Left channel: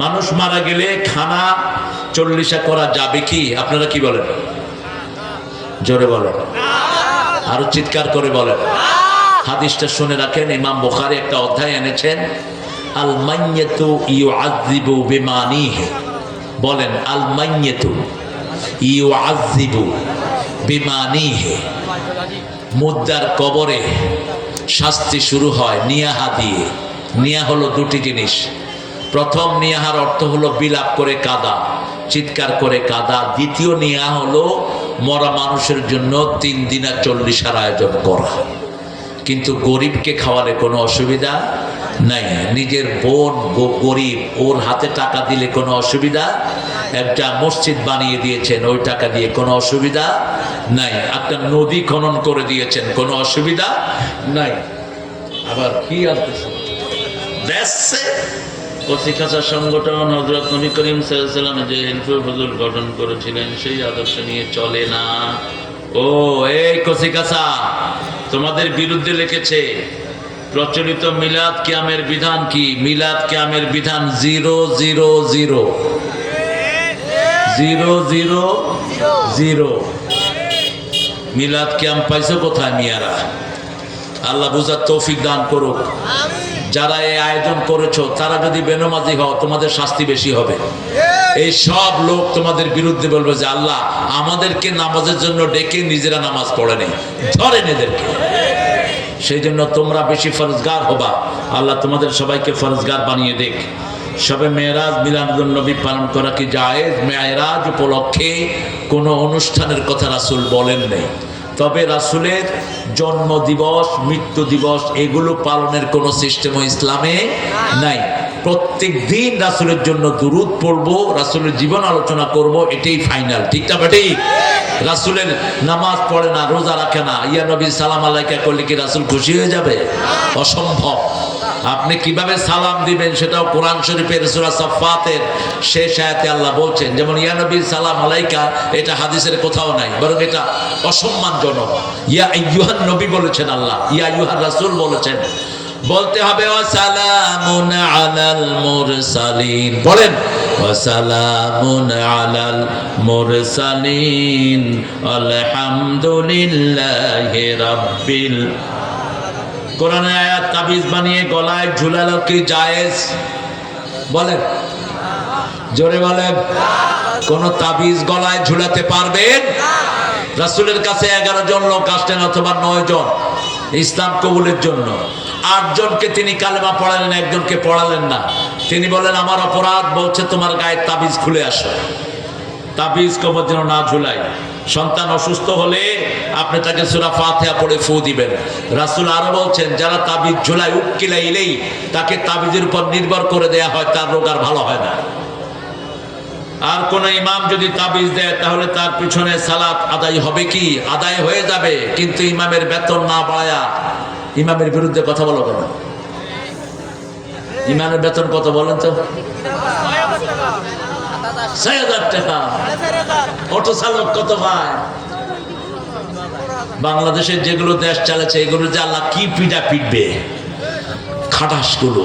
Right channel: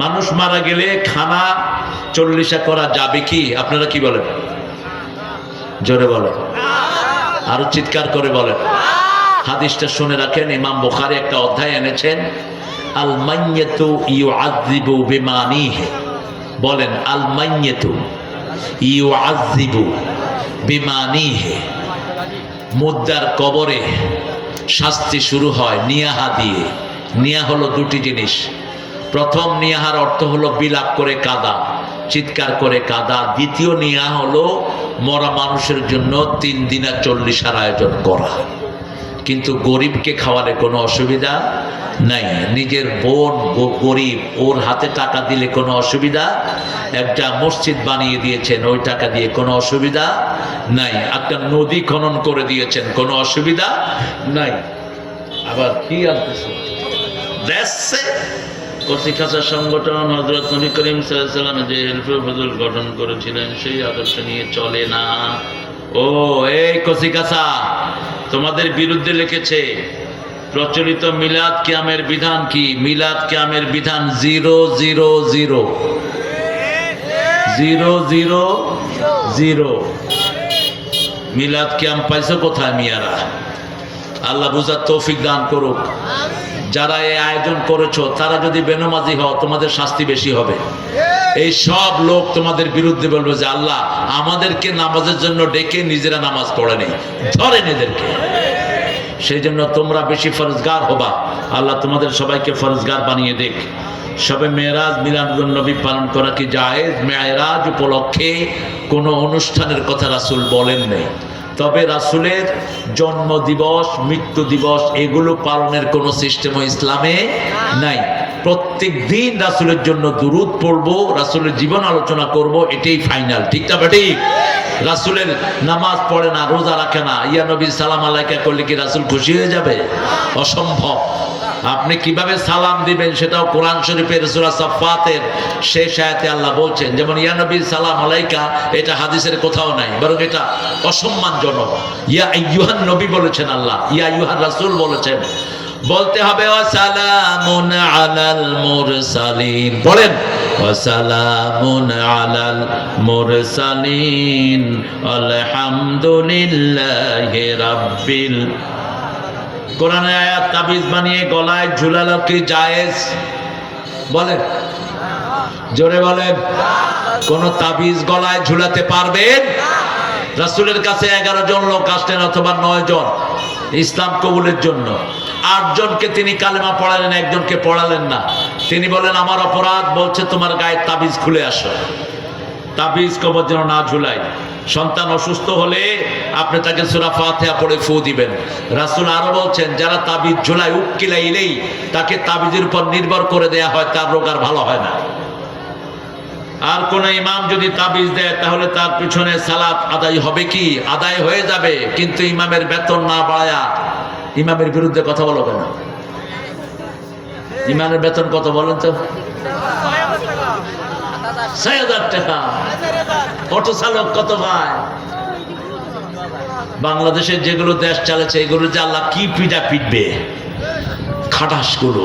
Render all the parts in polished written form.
মানুষ মারা গেলে খানা 40 করা যাবে কি? আপনারা কি বলেন? জোরে বলেন, আরো চিৎকার করে বলেন। হাদিসটা শুনে রাখেন, ইমাম বুখারী একটা অধ্যায় এনেছেন, আল মাইয়াতু ইউআযযিবু বিমানিহি। বলেন, আল মাইয়াতু ইউআযযিবু বিমানিহি। মুদ্দার কবরে শাস্তি শুরু হয় নিয়াহা দিয়ে। নিয়া হলো দুটি জিনিস। প্রথম নিয়াহার অর্থ হলো বিলাপ করে কাঁদা, চিৎকার করে কাঁদা। দ্বিতীয় নিয়া হলো মরা মানুষের জন্য 3 দিনা 40 আয়োজন করা। কিন্তু গরিবকে খাওয়ালে কোনো অসুবিধা নাই। নিজের বোন গরিব, ওর হাতে টাকা দিলে কোনো অসুবিধা। একটা মসজিদ বানিয়ে দিয়েছেন, ওই টাকা দিয়ে কোনো অসুবিধা নাই। একটা নদী খনন করে দিয়েছেন, কোনো অসুবিধা নাই। আবার কি আনতেছে দেশে কচিকাঁচা সংগঠন হযরত নবী করিম সাল্লাল্লাহু আলাইহি ওয়াসাল্লাম যে হিলফে ফজল গঠন করেছিলেন সেই আদর্শ নিয়ে চলে না। ও এই কচিকাঁচা, তোমাদের বিরুদ্ধে লিখেছে প্রচলিত মিলাদ কিয়ামের বিধান কি? মিলাদ কিয়ামের বিধান 000 000। মিলাদ কিয়াম পাইছো কোথায় মিয়ারা? আল্লাহ বুঝার তৌফিক দান করুক। যারা এই আয়োজন করেছো তারা যদি বেনামাজি হও তোমাদের শাস্তি বেশি হবে। এই সব লোক তোমাদের বিরুদ্ধে বলবে যে আল্লাহ আমাদেরকে নামাজের জন্য ডেকে নিজেরা নামাজ পড়ে নেই, ধরেন এদেরকে। সেই জন্য তোমরা বেশি ফরজগার হবা। আল্লাহ তোমাদের সবাইকে ফরজগার বানিয়ে দেখ। সবে মেরাজ মিলাদুন নবী পালন করা কি জায়েজ? মেরাজ উপলক্ষে কোনো অনুষ্ঠানের কথা রাসূল বলেন নাই। তবে রাসূলের জন্ম দিবস, মৃত্যু দিবস এগুলো পালনের কোনো সিস্টেম ইসলামে নাই। প্রত্যেক দিন রাসূলের জন্য দুরূদ পড়বো, রাসূলের জীবন আলোচনা করব, এটাই ফাইনাল। ঠিক না বেটি? রাসূলের নামাজ পড়ে না, রোজা রাখে না, ইয়া নবী সালাম আলাইকা করলে কি রাসূল খুশি হয়ে যাবে? অসম্ভব। আপনি কিভাবে সালাম দিবেন সেটাও কোরআন শরীফের সূরা সাফফাতের শেষ আয়াতে আল্লাহ বলছেন। যেমন ইয়া নবী সালাম আলাইকা, এটা হাদিসের কোথাও নাই, বরং এটা অসম্মানজনক। ইয়া আইয়ুহান নবী বলেছেন আল্লাহ, ইয়া আইয়ুহার রাসূল বলেছেন। বলতে হবে ওয়াসালামুন আলাল মুরসালিন। বলেন ওয়াসালামুন আলাল মুরসালিন আলহামদুলিল্লাহি রাব্বিল। কোরআনের আয়াত তাবিজ বানিয়ে গলায় ঝুলালো কি জায়েজ? বলেন, জোরে বলেন। কোন তাবিজ গলায় ঝুলাতে পারবেন? রাসূলের কাছে 11 জন লোক আসলেন অথবা 9 জন ইসলাম কবুলের জন্য। 8 জনকে তিনি কালেমা পড়ালেন, একজনকে পড়ালেন না। তিনি বলেন আমার অপরাধ, বলছে তোমার গায়ে তাবিজ খুলে আসো। তাবিজ কবর যেন না ঝুলাই। সন্তান অসুস্থ হলে আপনি তাকে সূরা ফাতিহা পড়ে ফু দিবেন। রাসূল আরো বলছেন যারা তাবিজ ঝুলায় উকিলাইলেই তাকে তাবিজের উপর নির্ভর করে দেয়া হয়, তার রোগ আর ভালো হয় না। আর কোন ইমাম যদি তাবিজ দেয় তাহলে তার পিছনে সালাত আদায় হবে কি? আদায় হয়ে যাবে, কিন্তু ইমামের বেতন না বাড়ায়া ইমামের বিরুদ্ধে কথা বলো কেন? ইমামের বেতন কত বলেন তো? ৬,০০০ টাকা। অটো চালক কত পায়? বাংলাদেশের যেগুলো দেশ চালাচ্ছে এগুলো যে আল্লাহ কি পিঠা পিটবে খাটাস গুলো।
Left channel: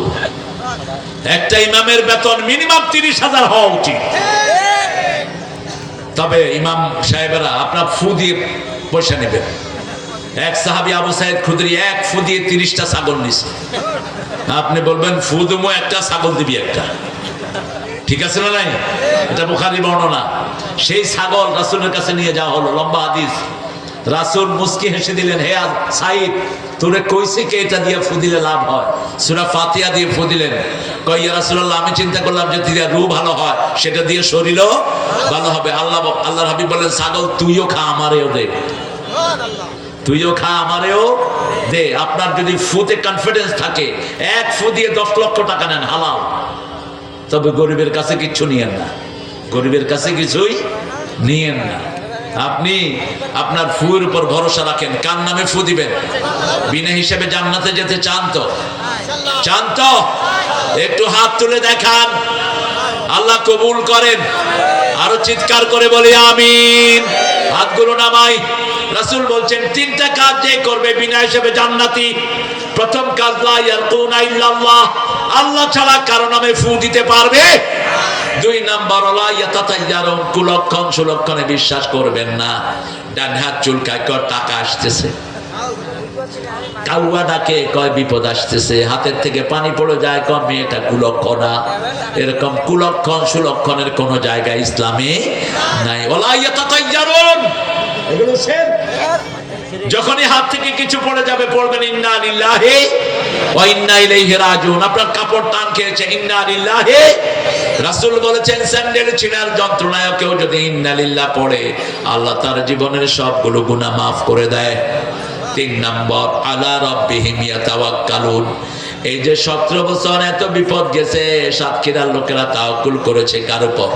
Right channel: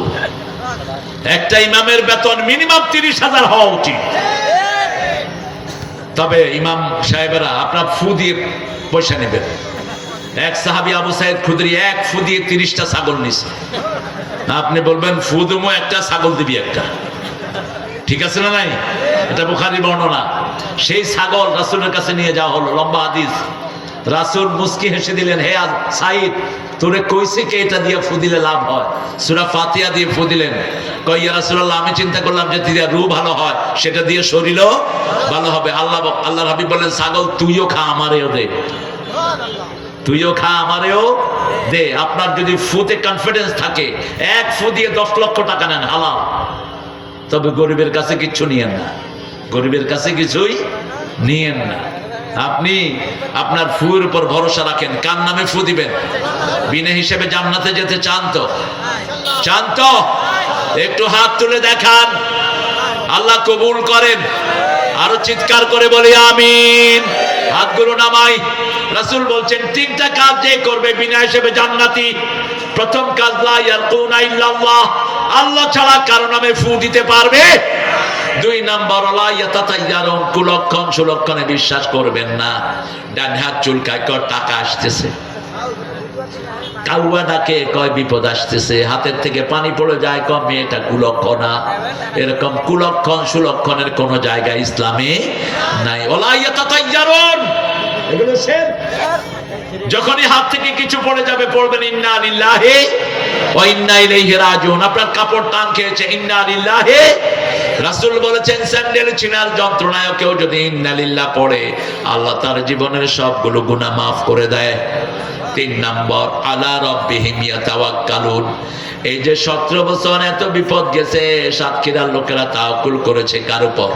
একটা ইমামের বেতন মিনিমাম 30,000 হওয়া উচিত। তবে ইমাম সাহেবেরা আপনার ফু দিয়ে পয়সা নেবেন। এক সাহাবী আবু সাইদ খুদরি এক ফু দিয়ে 30টা ছাগল নিছে। আপনি বলবেন ফু দুমো একটা, ছাগল দিবি একটা। ঠিক আছে না নাই? এটা বুখারী বর্ণনা। সেই ছাগল রাসূলের কাছে নিয়ে যাওয়া হলো, লম্বা হাদিস। রাসূল মুস্কি হেসে দিলেন, হে সাইদ তোরে কইছে কে এটা দিয়ে ফু দিলে লাভ হয়? সূরা ফাতিহা দিয়ে ফু দিলেন। কই ইয়া রাসূলুল্লাহ আমি চিন্তা করলাম যে দিয়ে রূহ ভালো হয়, সেটা দিয়ে শরীরও ভালো হবে। আল্লাহর হাবিব বলেন ছাগল তুইও খা আমারেও দে, তুইও খা আমারেও দে। আপনার যদি ফুতে কনফিডেন্স থাকে, এক ফু দিয়ে 10 লক্ষ টাকা নেন, হালাল। তবে গরিবের কাছে কিচ্ছু নিয়েন না, গরিবের কাছে কিছুই নিয়েন না। আপনি আপনার ফুয়ের উপর ভরসা রাখেন। কার নামে ফু দিবেন? বিনা হিসেবে জান্নাতে যেতে চান তো? চান তো? একটু হাত তুলে দেখান, আল্লাহ কবুল করেন। আরো চিৎকার করে বলি আমিন। হাতগুলো নামাই। রাসূল বলছেন 3টা কাজ যে করবে বিনা হিসেবে জান্নাতি। প্রথম কাজ লা ইয়াকুনা ইল্লাল্লাহ, আল্লাহ ছাড়া কারো নামে ফু দিতে পারবে দুই নাম্বার ওয়ালা ইয়াতাতাইয়ারুন, কুলক্ষণ সুলক্ষণে বিশ্বাস করবেন না। ডান হাত চুলকায়, কয় টাকা আসতেছে, কাউয়া ডাকে, কয় বিপদ আসতেছে, হাতের থেকে পানি পড়ে যায়, কয় মেয়েটা কুলক্ষণা। এরকম কুলক্ষণ সুলক্ষণের কোন জায়গা ইসলামে নাই। ওয়ালা ইয়াতাতাইয়ারুন, এগুলো শিরক। যখনই হাত থেকে কিছু পড়ে যাবে পড়বেন ইন্না লিল্লাহি ওয়া ইন্না ইলাইহি রাজিউন। আপনার কাপড় টান খেয়েছে, ইন্না লিল্লাহি। রাসূল বলেছেন স্যান্ডেল ছিনার যন্ত্রণায় কেউ যদি ইন্না লিল্লাহ পড়ে, আল্লাহ তার জীবনের সবগুলো গুনাহ মাফ করে দেয়। 3 নাম্বার আলা রাব্বিহিম ইয়াতাওয়াক্কালুন। এই যে 17 বছর এত বিপদ গেছে, সাতক্ষীরার লোকেরা তাওয়াক্কুল করেছে কার উপর?